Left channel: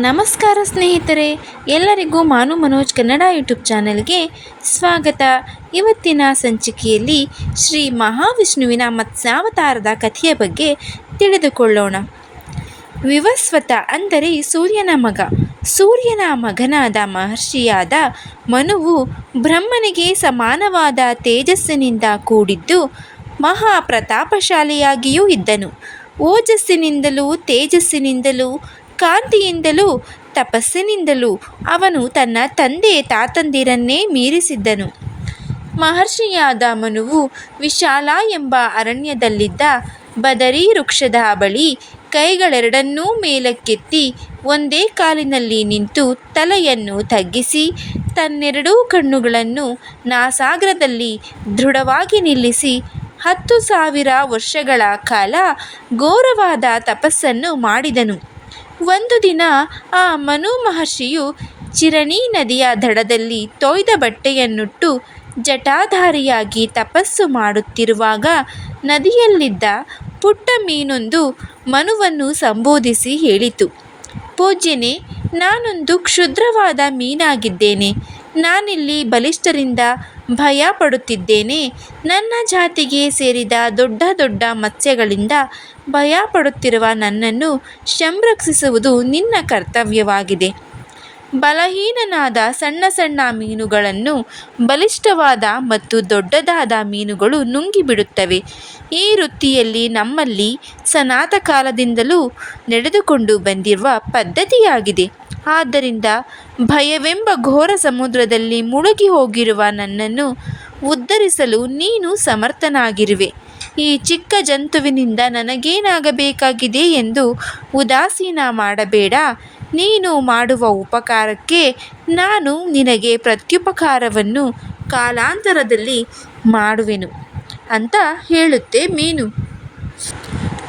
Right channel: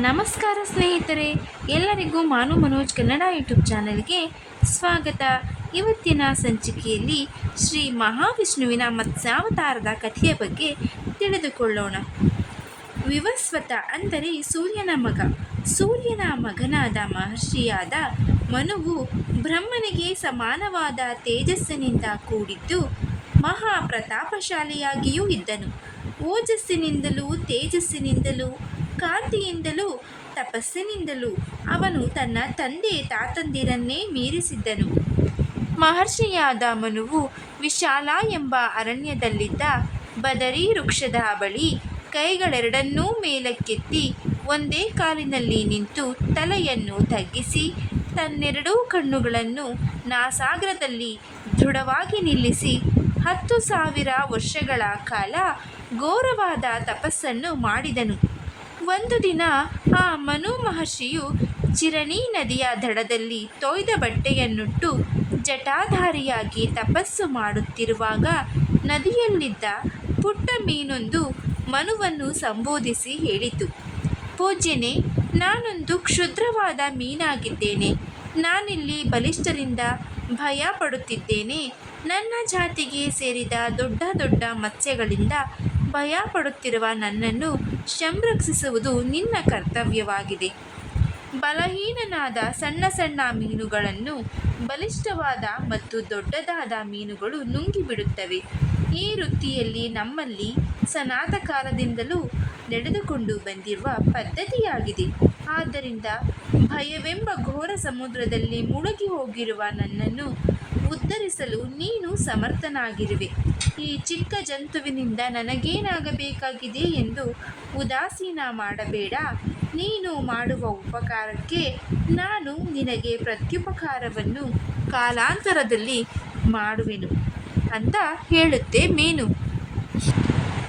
ನಮಸ್ಕಾರ ಸ್ನೇಹಿತರೆ, ಎಲ್ಲರಿಗೂ ಮಾನು ಮನೋಜ್ ಕನ್ನಡ ಯೂಟ್ಯೂಬ್ ಚಾನೆಲ್ಗೆ ಸ್ವಾಗತ. ಇವತ್ತಿನ ಸಂಚಿಕೆಯಲ್ಲಿ ಶ್ರೀ ಮಹಾವಿಷ್ಣುವಿನ ಮತ್ಸ್ಯಾವತಾರದ ಕಥೆಯ ಬಗ್ಗೆ ತಿಳಿದುಕೊಳ್ಳೋಣ. ವಿವಸ್ವತ ಅಂದರೆ ಸೂರ್ಯನ ಮಗ. ಸೂರ್ಯನ ಮಗನಾದ ಮಹರ್ಷಿಯಾದ ಮನುವು ಬ್ರಹ್ಮನಿಗೆ ಸಮಾನವಾದ ತೇಜಸ್ಸಿನಿಂದ ಕೂಡಿದ್ದು ಮಹಾಪ್ರತಾಪಶಾಲಿಯಾಗಿಯೂ ಇದ್ದನು. ಓಜಸ್ಸಿನಿಂದಲೂ ತೇಜಸ್ಸಿನಿಂದಲೂ ಕಾಂತಿಯಿಂದಲೂ ತಪಸ್ಸಿನಿಂದಲೂ ಅವನು ತನ್ನ ತಂದೆ ತಾತಂದಿರನ್ನೇ ಮೀರಿಸಿದ್ದನು. ಮಹರ್ಷಿಯಾದ ಮನುವು ವಿಶಾಲ ಎಂಬ ಅರಣ್ಯದಲ್ಲಿದ್ದ ಬದರಿ ವೃಕ್ಷದ ಬಳಿ ಕೈಗಳೆರಡನ್ನೂ ಮೇಲಕ್ಕೆತ್ತಿ ಒಂದೇ ಕಾಲಿನಲ್ಲಿ ನಿಂತು ತಲೆಯನ್ನು ತಗ್ಗಿಸಿ ತನ್ನೆರಡೂ ಕಣ್ಣುಗಳನ್ನು ನಾಸಾಗ್ರದಲ್ಲಿ ದೃಢವಾಗಿ ನಿಲ್ಲಿಸಿ ಹತ್ತು ಸಾವಿರ ವರ್ಷಗಳ ಕಾಲ ಘೋರವಾದ ತಪಸ್ಸನ್ನು ಮಾಡಿದನು. ಒಂದು ದಿನ ಆ ಮನು ಮಹರ್ಷಿಯು ಚಿರಣಿ ನದಿಯ ದಡದಲ್ಲಿ ತೊಯ್ದ ಬಟ್ಟೆಯನ್ನುಟ್ಟು ಜಟಾಧಾರಿಯಾಗಿ ತಪಸ್ಸು ಮಾಡುತ್ತಿರುವಾಗ ನದಿಯಲ್ಲಿದ್ದ ಪುಟ್ಟ ಮೀನೊಂದು ಮನುವನ್ನು ಸಂಬೋಧಿಸಿ ಹೇಳಿತು, ಪೂಜ್ಯನೇ, ನಾನೊಂದು ಕ್ಷುದ್ರವಾದ ಮೀನಾಗಿದ್ದೇನೆ. ನಾನಿಲ್ಲಿ ಬಲಿಷ್ಠರಿಂದ ಭಯ ಪಡುತ್ತಿದ್ದೇನೆ ನನ್ನ ಜಾತಿಗೆ ಸೇರಿದ ದೊಡ್ಡ ದೊಡ್ಡ ಮತ್ಸ್ಯಗಳಿಂದ ಭಯ ಪಡುತ್ತಿರುವ ನನ್ನನ್ನು ಸಂರಕ್ಷಿಸುವುದು ನಿನ್ನ ಕರ್ತವ್ಯವಾಗಿದೆ. ಬಲಹೀನನಾದ ಸಣ್ಣ ಸಣ್ಣ ಮೀನುಗಳನ್ನು ಬಲಿಷ್ಠವಾದ ಮತ್ತು ದೊಡ್ಡದಾದ ಮೀನುಗಳು ನುಂಗಿಬಿಡುತ್ತವೆ. ಈ ವೃತ್ತಿಯಲ್ಲಿ ನಮ್ಮಲ್ಲಿ ಸನಾತ ಕಾಲದಿಂದಲೂ ನಡೆದುಕೊಂಡು ಬಂದಿರುವ ಪದ್ಧತಿಯಾಗಿದೆ. ಆದ್ದರಿಂದ ಭಯವೆಂಬ ಘೋರ ಸಮುದ್ರದಲ್ಲಿ ಮುಳುಗಿ ಹೋಗಿರುವ ನನ್ನನ್ನು ಉದ್ಧರಿಸಲು ನೀನು ಸಮರ್ಥನಾಗಿರುವೆ. ಈ ಚಿಕ್ಕ ಜಂತುವಿನಿಂದ ನನಗೇನಾಗಬೇಕಾಗಿದೆ ಎಂದು ಉದಾಸೀನ ಮಾಡಬೇಡ. ನೀನು ಮಾಡುವ ಉಪಕಾರಕ್ಕೆ ನಾನು ನಿನಗೆ ಪ್ರತ್ಯುಪಕಾರವನ್ನು ಕಾಲಾಂತರದಲ್ಲಿ ಮಾಡುವೆನು. ಅಂತ ಹೇಳುತ್ತೆ ಮೀನು.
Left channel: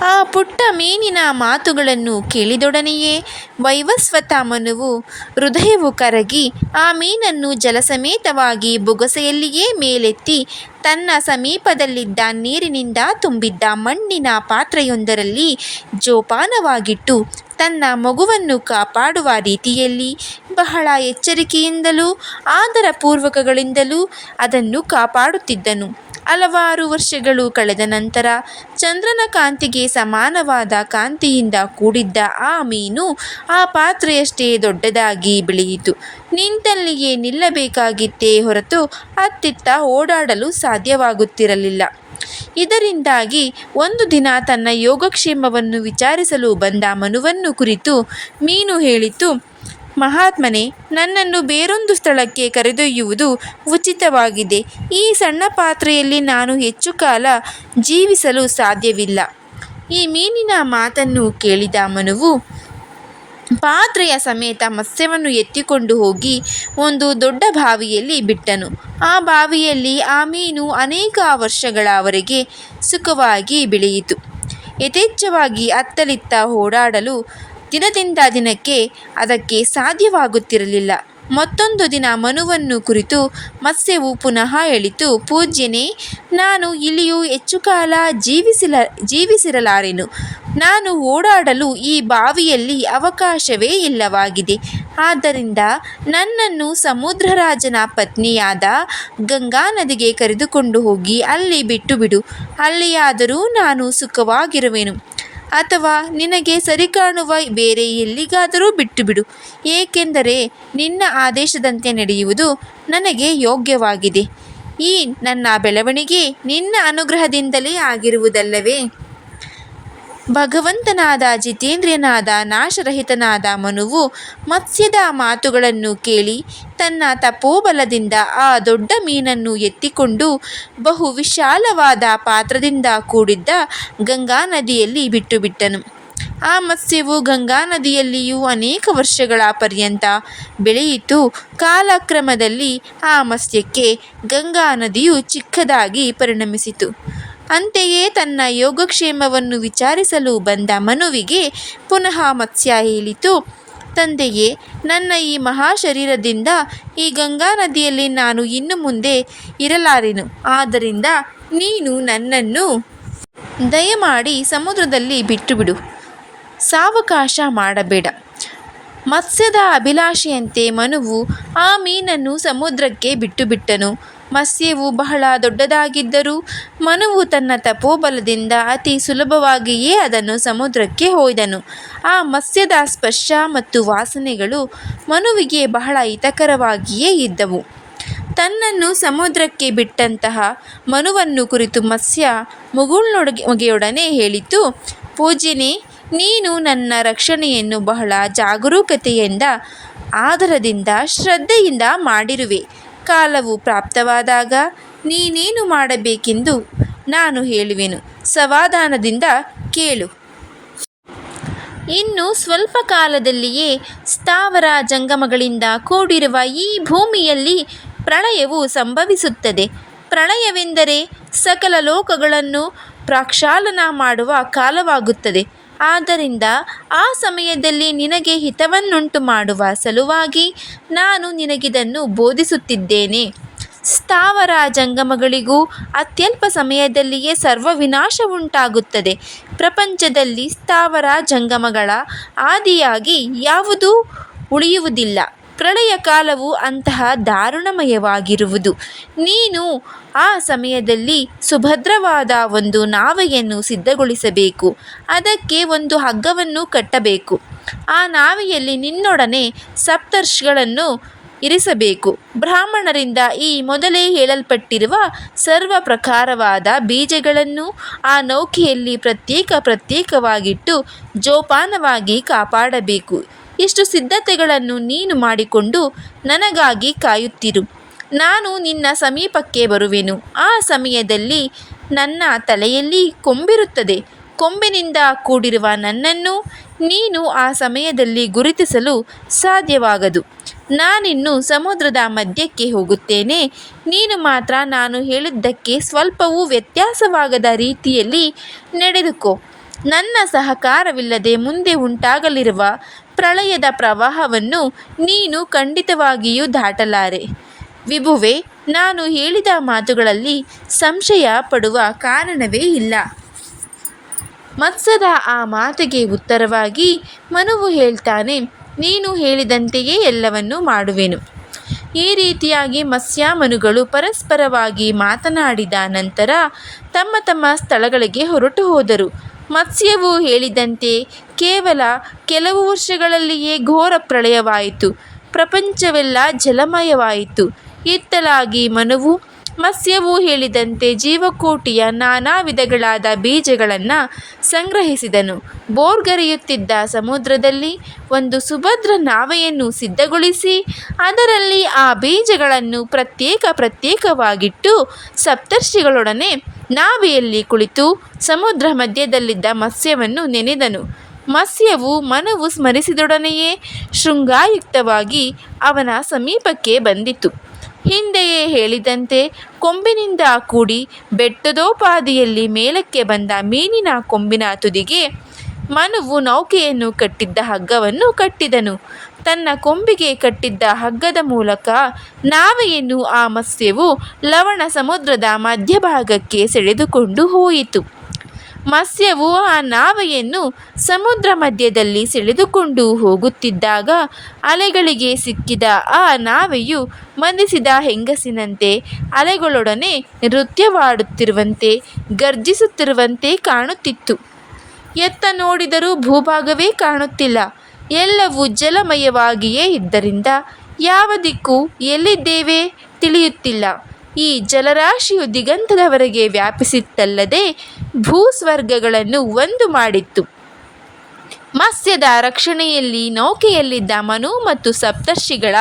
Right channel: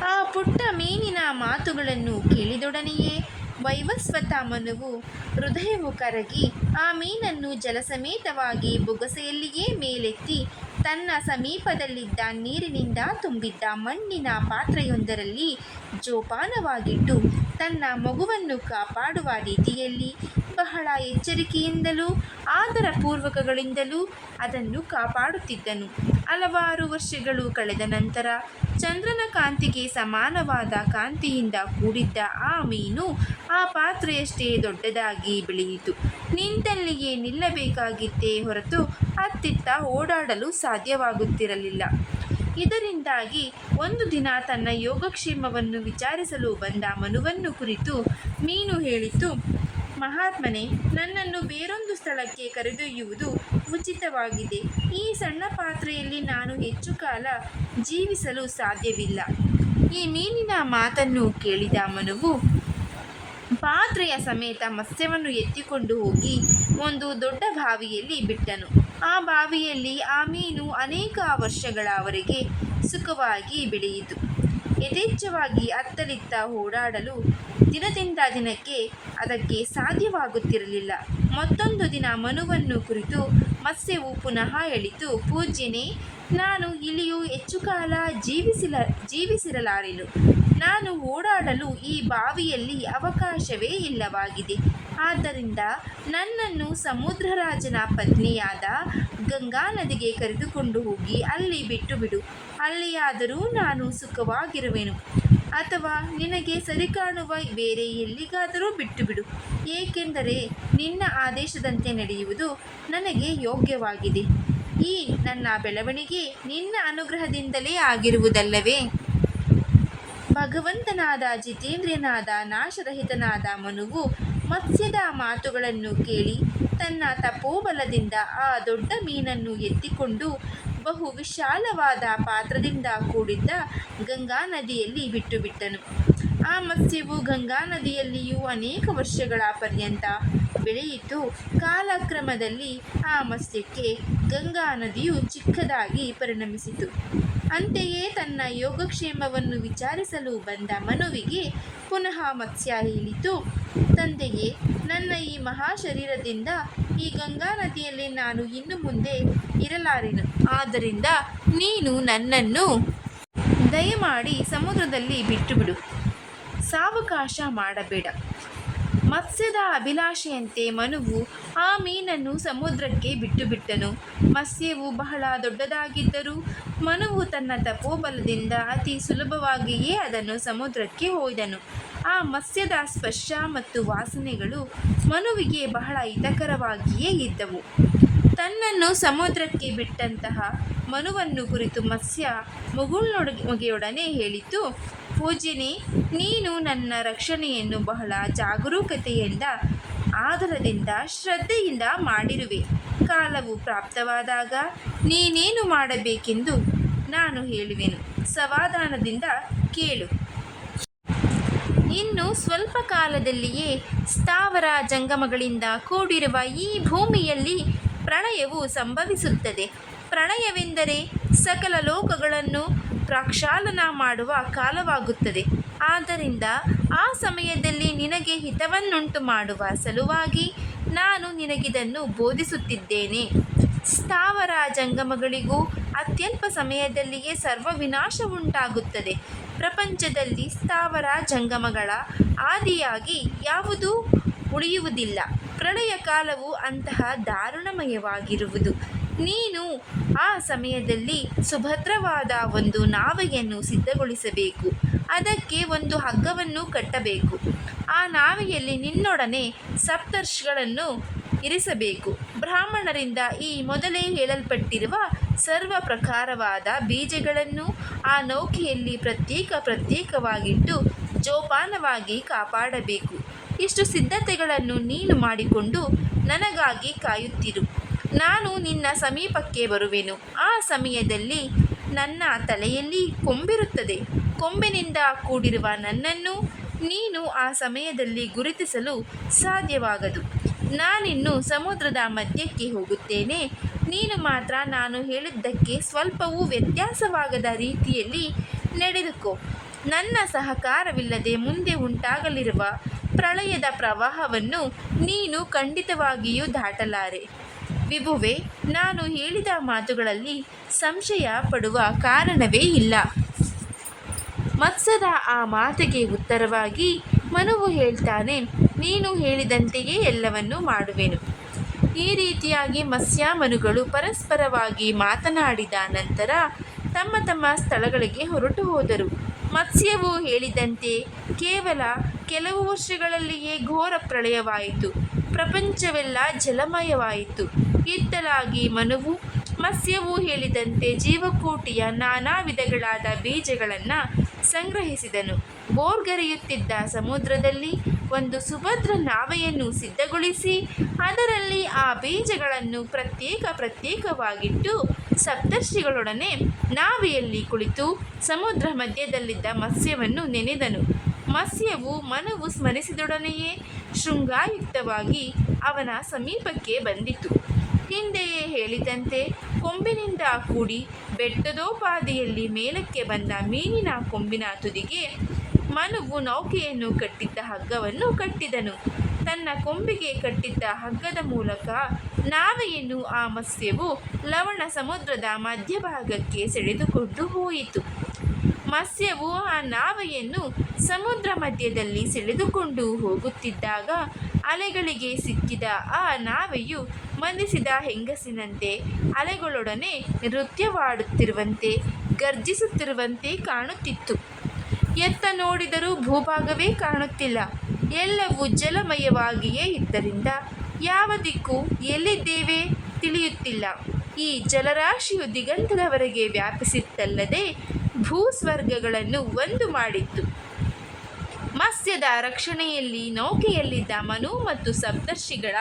ಆ ಪುಟ್ಟ ಮೀನಿನ ಮಾತುಗಳನ್ನು ಕೇಳಿದೊಡನೆಯೇ ವೈವಸ್ವತ ಮನುವು ಹೃದಯವು ಕರಗಿ ಆ ಮೀನನ್ನು ಜಲಸಮೇತವಾಗಿ ಬೊಗಸೆಯಲ್ಲಿಯೇ ಮೇಲೆತ್ತಿ ತನ್ನ ಸಮೀಪದಲ್ಲಿದ್ದ ನೀರಿನಿಂದ ತುಂಬಿದ್ದ ಮಣ್ಣಿನ ಪಾತ್ರೆಯೊಂದರಲ್ಲಿ ಜೋಪಾನವಾಗಿಟ್ಟು ತನ್ನ ಮಗುವನ್ನು ಕಾಪಾಡುವ ರೀತಿಯಲ್ಲಿ ಬಹಳ ಎಚ್ಚರಿಕೆಯಿಂದಲೂ ಆದರಪೂರ್ವಕಗಳಿಂದಲೂ ಅದನ್ನು ಕಾಪಾಡುತ್ತಿದ್ದನು. ಹಲವಾರು ವರ್ಷಗಳು ಕಳೆದ ನಂತರ ಚಂದ್ರನ ಕಾಂತಿಗೆ ಸಮಾನವಾದ ಕಾಂತಿಯಿಂದ ಕೂಡಿದ್ದ ಆ ಮೀನು ಆ ಪಾತ್ರೆಯಷ್ಟೇ ದೊಡ್ಡದಾಗಿ ಬೆಳೆಯಿತು. ನಿಂತಲ್ಲಿಯೇ ನಿಲ್ಲಬೇಕಾಗಿತ್ತೇ ಹೊರತು ಅತ್ತಿತ್ತ ಓಡಾಡಲು ಸಾಧ್ಯವಾಗುತ್ತಿರಲಿಲ್ಲ. ಇದರಿಂದಾಗಿ ಒಂದು ದಿನ ತನ್ನ ಯೋಗಕ್ಷೇಮವನ್ನು ವಿಚಾರಿಸಲು ಬಂದ ಮನುವನ್ನು ಕುರಿತು ಮೀನು ಹೇಳಿತು, ಮಹಾತ್ಮನೇ, ನನ್ನನ್ನು ಬೇರೊಂದು ಸ್ಥಳಕ್ಕೆ ಕರೆದೊಯ್ಯುವುದು ಉಚಿತವಾಗಿದೆ. ಈ ಸಣ್ಣ ಪಾತ್ರೆಯಲ್ಲಿ ನಾನು ಹೆಚ್ಚು ಕಾಲ ಜೀವಿಸಲು ಸಾಧ್ಯವಿಲ್ಲ ಈ ಮೀನಿನ ಮಾತನ್ನು ಕೇಳಿದ ಮನುವು ಪಾತ್ರೆಯ ಸಮೇತ ಮತ್ಸ್ಯವನ್ನು ಎತ್ತಿಕೊಂಡು ಹೋಗಿ ಒಂದು ದೊಡ್ಡ ಬಾವಿಯಲ್ಲಿ ಬಿಟ್ಟನು. ಆ ಬಾವಿಯಲ್ಲಿ ಆ ಮೀನು ಅನೇಕ ವರ್ಷಗಳವರೆಗೆ ಸುಖವಾಗಿ ಬೆಳೆಯಿತು. ಯಥೇಚ್ಛವಾಗಿ ಅತ್ತಲಿತ್ತ ಓಡಾಡಲು ದಿನದಿಂದ ದಿನಕ್ಕೆ ಅದಕ್ಕೆ ಸಾಧ್ಯವಾಗುತ್ತಿರಲಿಲ್ಲ. ಮತ್ತೊಂದು ದಿನ ಮನುವನ್ನು ಕುರಿತು ಮತ್ಸ್ಯವು ಪುನಃ ಎಳಿತು ಪೂಜ್ಯನೇ, ನಾನು ಇಲ್ಲಿಯೂ ಹೆಚ್ಚು ಕಾಲ ಜೀವಿಸಿಲ, ಜೀವಿಸಿರಲಾರೆನು. ನಾನು ಓಡಾಡಲು ಈ ಬಾವಿಯಲ್ಲಿ ಅವಕಾಶವೇ ಇಲ್ಲವಾಗಿದೆ. ಆದ್ದರಿಂದ ನನ್ನನ್ನು ಸಮುದ್ರರಾಜನ ಪತ್ನಿಯಾದ ಗಂಗಾ ನದಿಗೆ ಕರೆದುಕೊಂಡು ಹೋಗಿ ಅಲ್ಲಿ ಬಿಟ್ಟು ಬಿಡು. ಅಲ್ಲಿಯಾದರೂ ನಾನು ಸುಖವಾಗಿರುವೆನು. ಅಥವಾ ನಿನಗೆ ಸರಿ ಕಾಣುವ ಬೇರೆ ಎಲ್ಲಿಗಾದರೂ ಬಿಟ್ಟು ಬಿಡು ಏಕೆಂದರೆ ನಿನ್ನ ಆದೇಶದಂತೆ ನಡೆಯುವುದು ನನಗೆ ಯೋಗ್ಯವಾಗಿದೆ. ಈ ನನ್ನ ಬೆಳವಣಿಗೆ ನಿನ್ನ ಅನುಗ್ರಹದಿಂದಲೇ ಆಗಿರುವುದಲ್ಲವೇ? ಭಗವಂತನಾದ ಜಿತೇಂದ್ರಿಯನಾದ ನಾಶರಹಿತನಾದ ಮನುವು ಮತ್ಸ್ಯದ ಮಾತುಗಳನ್ನು ಕೇಳಿ ತನ್ನ ತಪೋಬಲದಿಂದ ಆ ದೊಡ್ಡ ಮೀನನ್ನು ಎತ್ತಿಕೊಂಡು ಬಹು ವಿಶಾಲವಾದ ಪಾತ್ರದಿಂದ ಕೂಡಿದ್ದ ಗಂಗಾ ನದಿಯಲ್ಲಿ ಬಿಟ್ಟುಬಿಟ್ಟನು. ಆ ಮತ್ಸ್ಯವು ಗಂಗಾ ನದಿಯಲ್ಲಿಯೂ ಅನೇಕ ವರ್ಷಗಳ ಪರ್ಯಂತ ಬೆಳೆಯಿತು. ಕಾಲಕ್ರಮದಲ್ಲಿ ಆ ಮತ್ಸ್ಯಕ್ಕೆ ಗಂಗಾ ನದಿಯು ಚಿಕ್ಕದಾಗಿ ಪರಿಣಮಿಸಿತು. ಅಂತೆಯೇ ತನ್ನ ಯೋಗಕ್ಷೇಮವನ್ನು ವಿಚಾರಿಸಲು ಬಂದ ಮನುವಿಗೆ ಪುನಃ ಮತ್ಸ್ಯ ಹೇಳಿತು, ತಂದೆಯೇ, ನನ್ನ ಈ ಮಹಾಶರೀರದಿಂದ ಈ ಗಂಗಾ ನದಿಯಲ್ಲಿ ನಾನು ಇನ್ನು ಮುಂದೆ ಇರಲಾರೆನು. ಆದ್ದರಿಂದ ನೀನು ನನ್ನನ್ನು ದಯಮಾಡಿ ಸಮುದ್ರದಲ್ಲಿ ಬಿಟ್ಟುಬಿಡು. ಸಾವಕಾಶ ಮಾಡಬೇಡ. ಮತ್ಸ್ಯದ ಅಭಿಲಾಷೆಯಂತೆ ಮನುವು ಆ ಮೀನನ್ನು ಸಮುದ್ರಕ್ಕೆ ಬಿಟ್ಟುಬಿಟ್ಟನು. ಮತ್ಸ್ಯವು ಬಹಳ ದೊಡ್ಡದಾಗಿದ್ದರೂ ಮನುವು ತನ್ನ ತಪೋಬಲದಿಂದ ಅತಿ ಸುಲಭವಾಗಿಯೇ ಅದನ್ನು ಸಮುದ್ರಕ್ಕೆ ಹೋಯ್ದನು. ಆ ಮತ್ಸ್ಯದ ಸ್ಪರ್ಶ ಮತ್ತು ವಾಸನೆಗಳು ಮನುವಿಗೆ ಬಹಳ ಹಿತಕರವಾಗಿಯೇ ಇದ್ದವು. ತನ್ನನ್ನು ಸಮುದ್ರಕ್ಕೆ ಬಿಟ್ಟಂತಹ ಮನುವನ್ನು ಕುರಿತು ಮತ್ಸ್ಯ ಮುಗುಳ್ನೊಡುಗೆಯೊಡನೆ ಹೇಳಿತು ಪೂಜ್ಯನೇ ನೀನು ನನ್ನ ರಕ್ಷಣೆಯನ್ನು ಬಹಳ ಜಾಗರೂಕತೆಯಿಂದ, ಆದರದಿಂದ, ಶ್ರದ್ಧೆಯಿಂದ ಮಾಡಿರುವೆ. ಕಾಲವು ಪ್ರಾಪ್ತವಾದಾಗ ನೀನೇನು ಮಾಡಬೇಕೆಂದು ನಾನು ಹೇಳುವೆನು. ಸಮಾಧಾನದಿಂದ ಕೇಳು. ಇನ್ನು ಸ್ವಲ್ಪ ಕಾಲದಲ್ಲಿಯೇ ಸ್ಥಾವರ ಜಂಗಮಗಳಿಂದ ಕೂಡಿರುವ ಈ ಭೂಮಿಯಲ್ಲಿ ಪ್ರಳಯವು ಸಂಭವಿಸುತ್ತದೆ. ಪ್ರಳಯವೆಂದರೆ ಸಕಲ ಲೋಕಗಳನ್ನು ಪ್ರಕ್ಷಾಳನ ಮಾಡುವ ಕಾಲವಾಗುತ್ತದೆ. ಆದ್ದರಿಂದ ಆ ಸಮಯದಲ್ಲಿ ನಿನಗೆ ಹಿತವನ್ನುಂಟು ಮಾಡುವ ಸಲುವಾಗಿ ನಾನು ನಿನಗಿದನ್ನು ಬೋಧಿಸುತ್ತಿದ್ದೇನೆ. ಸ್ಥಾವರ ಜಂಗಮಗಳಿಗೂ ಅತ್ಯಲ್ಪ ಸಮಯದಲ್ಲಿಯೇ ಸರ್ವವಿನಾಶವುಂಟಾಗುತ್ತದೆ. ಪ್ರಪಂಚದಲ್ಲಿ ಸ್ಥಾವರ ಜಂಗಮಗಳ ಆದಿಯಾಗಿ ಯಾವುದೂ ಉಳಿಯುವುದಿಲ್ಲ. ಪ್ರಳಯ ಕಾಲವು ಅಂತಹ ದಾರುಣಮಯವಾಗಿರುವುದು. ನೀನು ಆ ಸಮಯದಲ್ಲಿ ಸುಭದ್ರವಾದ ಒಂದು ನಾವೆಯನ್ನು ಸಿದ್ಧಗೊಳಿಸಬೇಕು. ಅದಕ್ಕೆ ಒಂದು ಹಗ್ಗವನ್ನು ಕಟ್ಟಬೇಕು. ಆ ನಾವೆಯಲ್ಲಿ ನಿನ್ನೊಡನೆ ಸಪ್ತರ್ಷಿಗಳನ್ನು ಇರಿಸಬೇಕು. ಬ್ರಾಹ್ಮಣರಿಂದ ಈ ಮೊದಲೇ ಹೇಳಲ್ಪಟ್ಟಿರುವ ಸರ್ವ ಪ್ರಕಾರವಾದ ಬೀಜಗಳನ್ನು ಆ ನೌಕೆಯಲ್ಲಿ ಪ್ರತ್ಯೇಕ ಪ್ರತ್ಯೇಕವಾಗಿಟ್ಟು ಜೋಪಾನವಾಗಿ ಕಾಪಾಡಬೇಕು. ಇಷ್ಟು ಸಿದ್ಧತೆಗಳನ್ನು ನೀನು ಮಾಡಿಕೊಂಡು ನನಗಾಗಿ ಕಾಯುತ್ತಿರು. ನಾನು ನಿನ್ನ ಸಮೀಪಕ್ಕೆ ಬರುವೆನು. ಆ ಸಮಯದಲ್ಲಿ ನನ್ನ ತಲೆಯಲ್ಲಿ ಕೊಂಬಿರುತ್ತದೆ. ಕೊಂಬಿನಿಂದ ಕೂಡಿರುವ ನನ್ನನ್ನು ನೀನು ಆ ಸಮಯದಲ್ಲಿ ಗುರುತಿಸಲು ಸಾಧ್ಯವಾಗದು. ನಾನಿನ್ನು ಸಮುದ್ರದ ಮಧ್ಯಕ್ಕೆ ಹೋಗುತ್ತೇನೆ. ನೀನು ಮಾತ್ರ ನಾನು ಹೇಳಿದ್ದಕ್ಕೆ ಸ್ವಲ್ಪವೂ ವ್ಯತ್ಯಾಸವಾಗದ ರೀತಿಯಲ್ಲಿ ನಡೆದುಕೋ. ನನ್ನ ಸಹಕಾರವಿಲ್ಲದೆ ಮುಂದೆ ಉಂಟಾಗಲಿರುವ ಪ್ರಳಯದ ಪ್ರವಾಹವನ್ನು ನೀನು ಖಂಡಿತವಾಗಿಯೂ ದಾಟಲಾರೆ. ವಿಭುವೆ, ನಾನು ಹೇಳಿದ ಮಾತುಗಳಲ್ಲಿ ಸಂಶಯ ಪಡುವ ಕಾರಣವೇ ಇಲ್ಲ. ಮತ್ಸದ ಆ ಮಾತಿಗೆ ಉತ್ತರವಾಗಿ ಮನುವು ಹೇಳ್ತಾನೆ, ನೀನು ಹೇಳಿದಂತೆಯೇ ಎಲ್ಲವನ್ನೂ ಮಾಡುವೆನು. ಈ ರೀತಿಯಾಗಿ ಮತ್ಸ್ಯಾಮನುಗಳು ಪರಸ್ಪರವಾಗಿ ಮಾತನಾಡಿದ ನಂತರ ತಮ್ಮ ತಮ್ಮ ಸ್ಥಳಗಳಿಗೆ ಹೊರಟು ಹೋದರು. ಮತ್ಸ್ಯವು ಹೇಳಿದಂತೆ ಕೇವಲ ಕೆಲವು ವರ್ಷಗಳಲ್ಲಿಯೇ ಘೋರ ಪ್ರಳಯವಾಯಿತು. ಪ್ರಪಂಚವೆಲ್ಲ ಜಲಮಯವಾಯಿತು. ಇತ್ತಲಾಗಿ ಮನುವು ಮತ್ಸ್ಯವು ಹೇಳಿದಂತೆ ಜೀವಕೋಟಿಯ ನಾನಾ ವಿಧಗಳಾದ ಬೀಜಗಳನ್ನು ಸಂಗ್ರಹಿಸಿದನು. ಬೋರ್ಗರೆಯುತ್ತಿದ್ದ ಸಮುದ್ರದಲ್ಲಿ ಒಂದು ಸುಭದ್ರ ನಾವೆಯನ್ನು ಸಿದ್ಧಗೊಳಿಸಿ, ಅದರಲ್ಲಿ ಆ ಬೀಜಗಳನ್ನು ಪ್ರತ್ಯೇಕ ಪ್ರತ್ಯೇಕವಾಗಿಟ್ಟು ಸಪ್ತರ್ಷಿಗಳೊಡನೆ ನಾವೆಯಲ್ಲಿ ಕುಳಿತು ಸಮುದ್ರ ಮಧ್ಯದಲ್ಲಿದ್ದ ಮತ್ಸ್ಯವನ್ನು ನೆನೆದನು. ಮತ್ಸ್ಯವು ಮನವು ಸ್ಮರಿಸಿದೊಡನೆಯೇ ಶೃಂಗಾಯುಕ್ತವಾಗಿ ಅವನ ಸಮೀಪಕ್ಕೆ ಬಂದಿತು. ಹಿಂದೆಯೇ ಹೇಳಿದಂತೆ ಕೊಂಬಿನಿಂದ ಕೂಡಿ ಬೆಟ್ಟದೋಪಾದಿಯಲ್ಲಿ ಮೇಲಕ್ಕೆ ಬಂದ ಮೀನಿನ ಕೊಂಬಿನ ತುದಿಗೆ ಮನುವು ನೌಕೆಯನ್ನು ಕಟ್ಟಿದ್ದ ಹಗ್ಗವನ್ನು ಕಟ್ಟಿದನು. ತನ್ನ ಕೊಂಬಿಗೆ ಕಟ್ಟಿದ್ದ ಹಗ್ಗದ ಮೂಲಕ ನಾವೆಯನ್ನು ಆ ಮತ್ಸ್ಯವು ಲವಣ ಸಮುದ್ರದ ಮಧ್ಯಭಾಗಕ್ಕೆ ಸೆಳೆದುಕೊಂಡು ಹೋಯಿತು. ಮತ್ಸ್ಯವು ಆ ನಾವೆಯನ್ನು ಸಮುದ್ರ ಮಧ್ಯದಲ್ಲಿ ಸೆಳೆದುಕೊಂಡು ಹೋಗುತ್ತಿದ್ದಾಗ ಅಲೆಗಳಿಗೆ ಸಿಕ್ಕಿದ ಆ ನಾವೆಯು ಮಂದಿಸಿದ ಹೆಂಗಸಿನಂತೆ ಅಲೆಗಳೊಡನೆ ನೃತ್ಯವಾಡುತ್ತಿರುವಂತೆ, ಗರ್ಜಿಸುತ್ತಿರುವಂತೆ ಕಾಣುತ್ತಿತ್ತು. ಎತ್ತ ನೋಡಿದರೂ ಭೂಭಾಗವೇ ಕಾಣುತ್ತಿಲ್ಲ. ಎಲ್ಲವೂ ಜಲಮಯವಾಗಿಯೇ ಇದ್ದರಿಂದ ಯಾವ ದಿಕ್ಕು ಎಲ್ಲಿದ್ದೇವೆ ತಿಳಿಯುತ್ತಿಲ್ಲ. ಈ ಜಲರಾಶಿಯು ದಿಗಂತದವರೆಗೆ ವ್ಯಾಪಿಸಿತ್ತಲ್ಲದೆ ಭೂಸ್ವರ್ಗಗಳನ್ನು ಒಂದು ಮಾಡಿತ್ತು. ಮತ್ಸ್ಯದ ರಕ್ಷಣೆಯಲ್ಲಿ ನೌಕೆಯಲ್ಲಿದ್ದ ಮನು ಮತ್ತು ಸಪ್ತರ್ಷಿಗಳ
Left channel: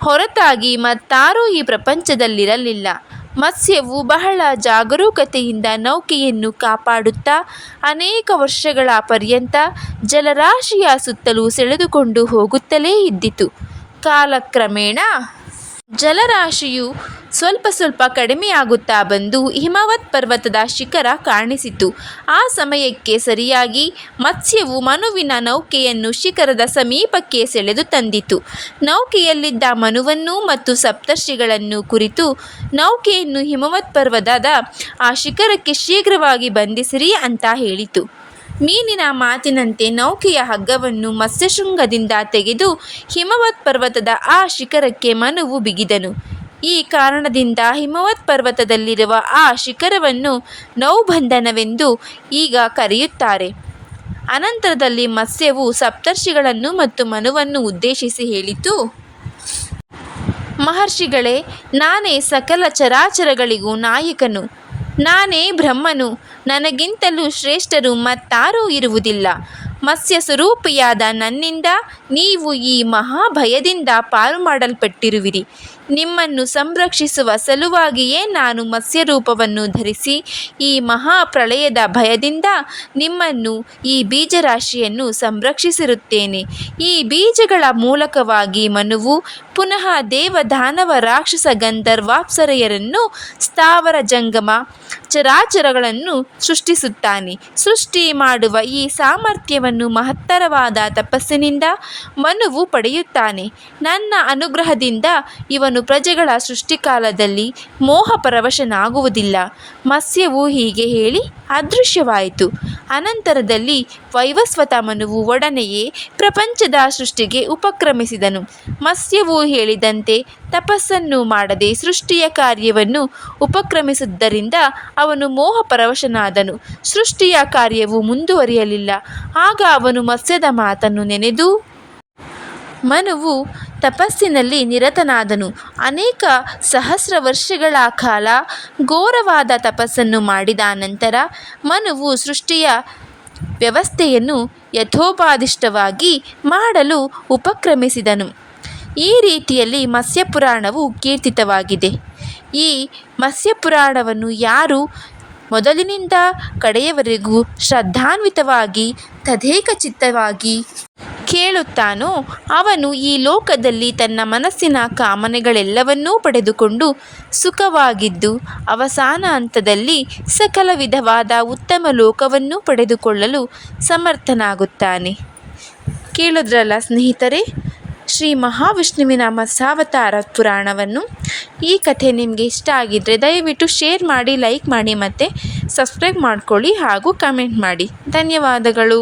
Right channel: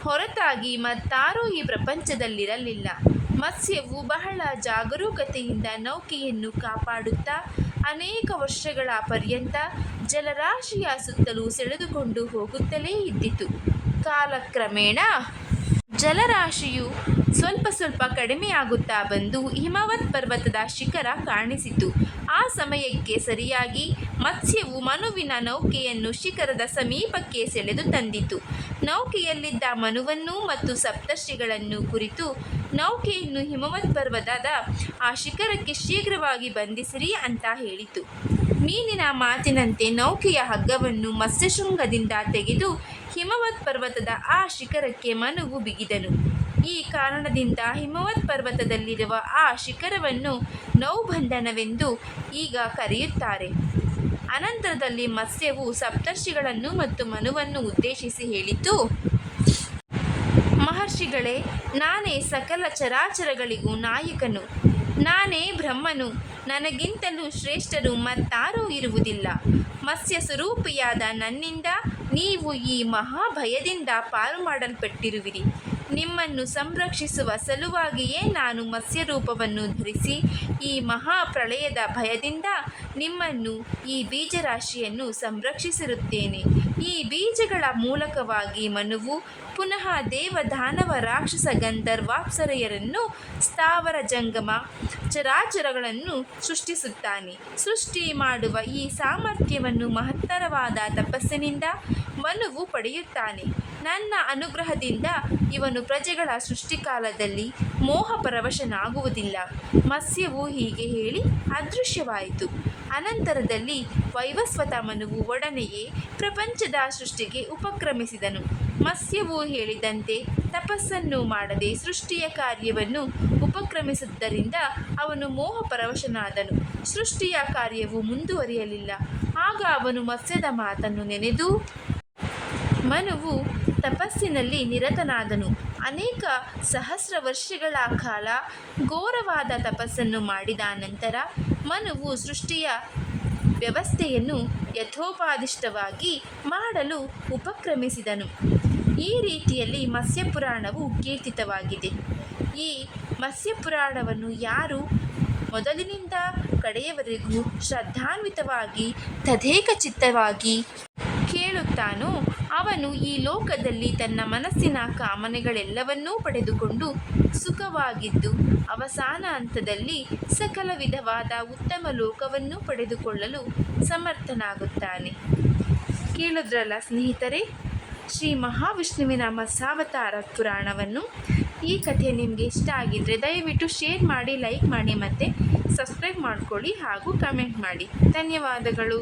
ಹೊರತಾಗಿ ಮತ್ತಾರೂ ಈ ಪ್ರಪಂಚದಲ್ಲಿರಲಿಲ್ಲ. ಮತ್ಸ್ಯವು ಬಹಳ ಜಾಗರೂಕತೆಯಿಂದ ನೌಕೆಯನ್ನು ಕಾಪಾಡುತ್ತಾ ಅನೇಕ ವರ್ಷಗಳ ಪರ್ಯಂತ ಜಲರಾಶಿಯ ಸುತ್ತಲೂ ಸೆಳೆದುಕೊಂಡು ಹೋಗುತ್ತಲೇ ಇದ್ದಿತು. ಕಾಲಕ್ರಮೇಣ ಜಲರಾಶಿಯು ಸ್ವಲ್ಪ ಸ್ವಲ್ಪ ಕಡಿಮೆಯಾಗುತ್ತಾ ಬಂದು ಹಿಮವತ್ ಪರ್ವತದ ಶಿಖರ ಕಾಣಿಸಿತು. ಆ ಸಮಯಕ್ಕೆ ಸರಿಯಾಗಿ ಮತ್ಸ್ಯವು ಮನುವಿನ ನೌಕೆಯನ್ನು ಶಿಖರದ ಸಮೀಪಕ್ಕೆ ಸೆಳೆದು ತಂದಿತು. ನೌಕೆಯಲ್ಲಿದ್ದ ಮನುವನ್ನು ಮತ್ತು ಸಪ್ತರ್ಷಿಗಳನ್ನು ಕುರಿತು ನೌಕೆಯನ್ನು ಹಿಮವತ್ ಪರ್ವತದ ಆ ಶಿಖರಕ್ಕೆ ಶೀಘ್ರವಾಗಿ ಬಂಧಿಸಿರಿ ಅಂತ ಹೇಳಿತು. ಮೀನಿನ ಮಾತಿನಂತೆ ನೌಕೆಯ ಹಗ್ಗವನ್ನು ಮತ್ಸ್ಯಶೃಂಗದಿಂದ ತೆಗೆದು ಹಿಮವತ್ ಪರ್ವತದ ಆ ಶಿಖರಕ್ಕೆ ಮನುವು ಬಿಗಿದನು. ಈ ಕಾರಣದಿಂದ ಹಿಮವತ್ ಪರ್ವತದಲ್ಲಿರುವ ಆ ಶಿಖರವನ್ನು ನೌಬಂಧನವೆಂದು ಈಗ ಕರೆಯುತ್ತಾರೆ. ಅನಂತರದಲ್ಲಿ ಮತ್ಸ್ಯವು ಸಪ್ತರ್ಷಿಗಳನ್ನು ಮತ್ತು ಮನುವನ್ನು ಉದ್ದೇಶಿಸಿ ಹೇಳಿತು. ಮಹರ್ಷಿಗಳೇ, ನಾನೇ ಸಕಲ ಚರಾಚರಗಳಿಗೂ ನಾಯಕನು. ನಾನೇ ಬ್ರಹ್ಮನು, ನನಗಿಂತಲೂ ಶ್ರೇಷ್ಠರು ಮತ್ತಾರೂ ಇರುವುದಿಲ್ಲ. ಮತ್ಸ್ಯ ಸ್ವರೂಪಿಯಾದ ನನ್ನಿಂದ ನೀವು ಈ ಮಹಾಭಯದಿಂದ ಪಾರು ಮಾಡಲ್ಪಟ್ಟಿರುವಿರಿ ನಿಮ್ಮನ್ನು ಸಂರಕ್ಷಿಸುವ ಸಲುವಾಗಿಯೇ ನಾನು ಮತ್ಸ್ಯರೂಪವನ್ನು ಧರಿಸಿ ಈ ಮಹಾಪ್ರಳಯದ ಭಯದಿಂದ ನಿಮ್ಮನ್ನು ಈ ಬೀಜರಾಶಿಯನ್ನು ಸಂರಕ್ಷಿಸಿರುತ್ತೇನೆ. ಈ ಬೀಜಗಳ ಮೂಲಕವಾಗಿ ಮನುವು ಪುನಃ ದೇವದಾನವ ರಾಕ್ಷಸ ಗಂಧರ್ವಾಪ್ಸರೆಯರನ್ನು ಸ್ಥಾವರ ಜಂಗಮ ಚರಾಚರಗಳನ್ನು ಸೃಷ್ಟಿಸುತ್ತಾನೆ. ಸೃಷ್ಟಿ ಮಾಡುವ ಈ ಸಾಮರ್ಥ್ಯವನ್ನು ಮಹತ್ತರವಾದ ತಪಸ್ಸಿನಿಂದ ಮನುವು ಪಡೆಯುತ್ತಾನೆ. ನನ್ನ ಅನುಗ್ರಹದಿಂದ ಇವನು ಪ್ರಜೆಗಳ ಸೃಷ್ಟಿಕಾಲದಲ್ಲಿ ಮೋಹಪರವಶನಾಗುವುದಿಲ್ಲ. ಮತ್ಸ್ಯವು ಹೀಗೆ ಹೇಳಿ ಅದೃಶ್ಯವಾಯಿತು. ಅನಂತರದಲ್ಲಿ ವೈವಸ್ವತ ಮನುವು ಒಡನೆಯೇ ಪ್ರಪಂಚದ ಸೃಷ್ಟಿಗೆ ಉಪಕ್ರಮಿಸಿದನು. ಮತ್ಸ್ಯವು ಹೇಳಿದಂತೆ ತಪಸ್ಸನ್ನು ಮಾಡದೆ ಸೃಷ್ಟಿಯ ಕಾರ್ಯವನ್ನು ಉಪಕ್ರಮಿಸಿದ್ದರಿಂದ ಅವನು ಮೋಹಪರವಶನಾದನು. ಸೃಷ್ಟಿಯ ಕಾರ್ಯವು ಮುಂದುವರಿಯಲಿಲ್ಲ. ಆಗ ಅವನು ಮತ್ಸ್ಯದ ಮಾತನ್ನು ನೆನೆದು, ಮನುವು ತಪಸ್ಸಿನಲ್ಲಿ ನಿರತನಾದನು. ಅನೇಕ ಸಹಸ್ರ ವರ್ಷಗಳ ಕಾಲ ಘೋರವಾದ ತಪಸ್ಸನ್ನು ಮಾಡಿದ ನಂತರ ಮನುವು ಸೃಷ್ಟಿಯ ವ್ಯವಸ್ಥೆಯನ್ನು ಯಥೋಪಾದಿಷ್ಟವಾಗಿ ಮಾಡಲು ಉಪಕ್ರಮಿಸಿದನು. ಈ ರೀತಿಯಲ್ಲಿ ಮತ್ಸ್ಯಪುರಾಣವು ಕೀರ್ತಿತವಾಗಿದೆ. ಈ ಮತ್ಸ್ಯಪುರಾಣವನ್ನು ಯಾರು ಮೊದಲಿನಿಂದ ಕಡೆಯವರೆಗೂ ಶ್ರದ್ಧಾನ್ವಿತವಾಗಿ ತದೇಕಚಿತ್ತವಾಗಿ ಕೇಳುತ್ತಾನೋ ಅವನು ಈ ಲೋಕದಲ್ಲಿ ತನ್ನ ಮನಸ್ಸಿನ ಕಾಮನೆಗಳೆಲ್ಲವನ್ನೂ ಪಡೆದುಕೊಂಡು ಸುಖವಾಗಿದ್ದು, ಅವಸಾನ ಹಂತದಲ್ಲಿ ಸಕಲ ವಿಧವಾದ ಉತ್ತಮ ಲೋಕವನ್ನು ಪಡೆದುಕೊಳ್ಳಲು ಸಮರ್ಥನಾಗುತ್ತಾನೆ. ಕೇಳಿದ್ರಲ್ಲ ಸ್ನೇಹಿತರೆ? ಶ್ರೀ ಮಹಾವಿಷ್ಣುವಿನ ಮತ್ಸಾವತಾರ ಪುರಾಣವನ್ನು ಈ ಕಥೆ ನಿಮಗೆ ಇಷ್ಟ ಆಗಿದ್ದರೆ ದಯವಿಟ್ಟು ಶೇರ್ ಮಾಡಿ, ಲೈಕ್ ಮಾಡಿ ಮತ್ತು ಸಬ್ಸ್ಕ್ರೈಬ್ ಮಾಡ್ಕೊಳ್ಳಿ ಹಾಗೂ ಕಮೆಂಟ್ ಮಾಡಿ. ಧನ್ಯವಾದಗಳು.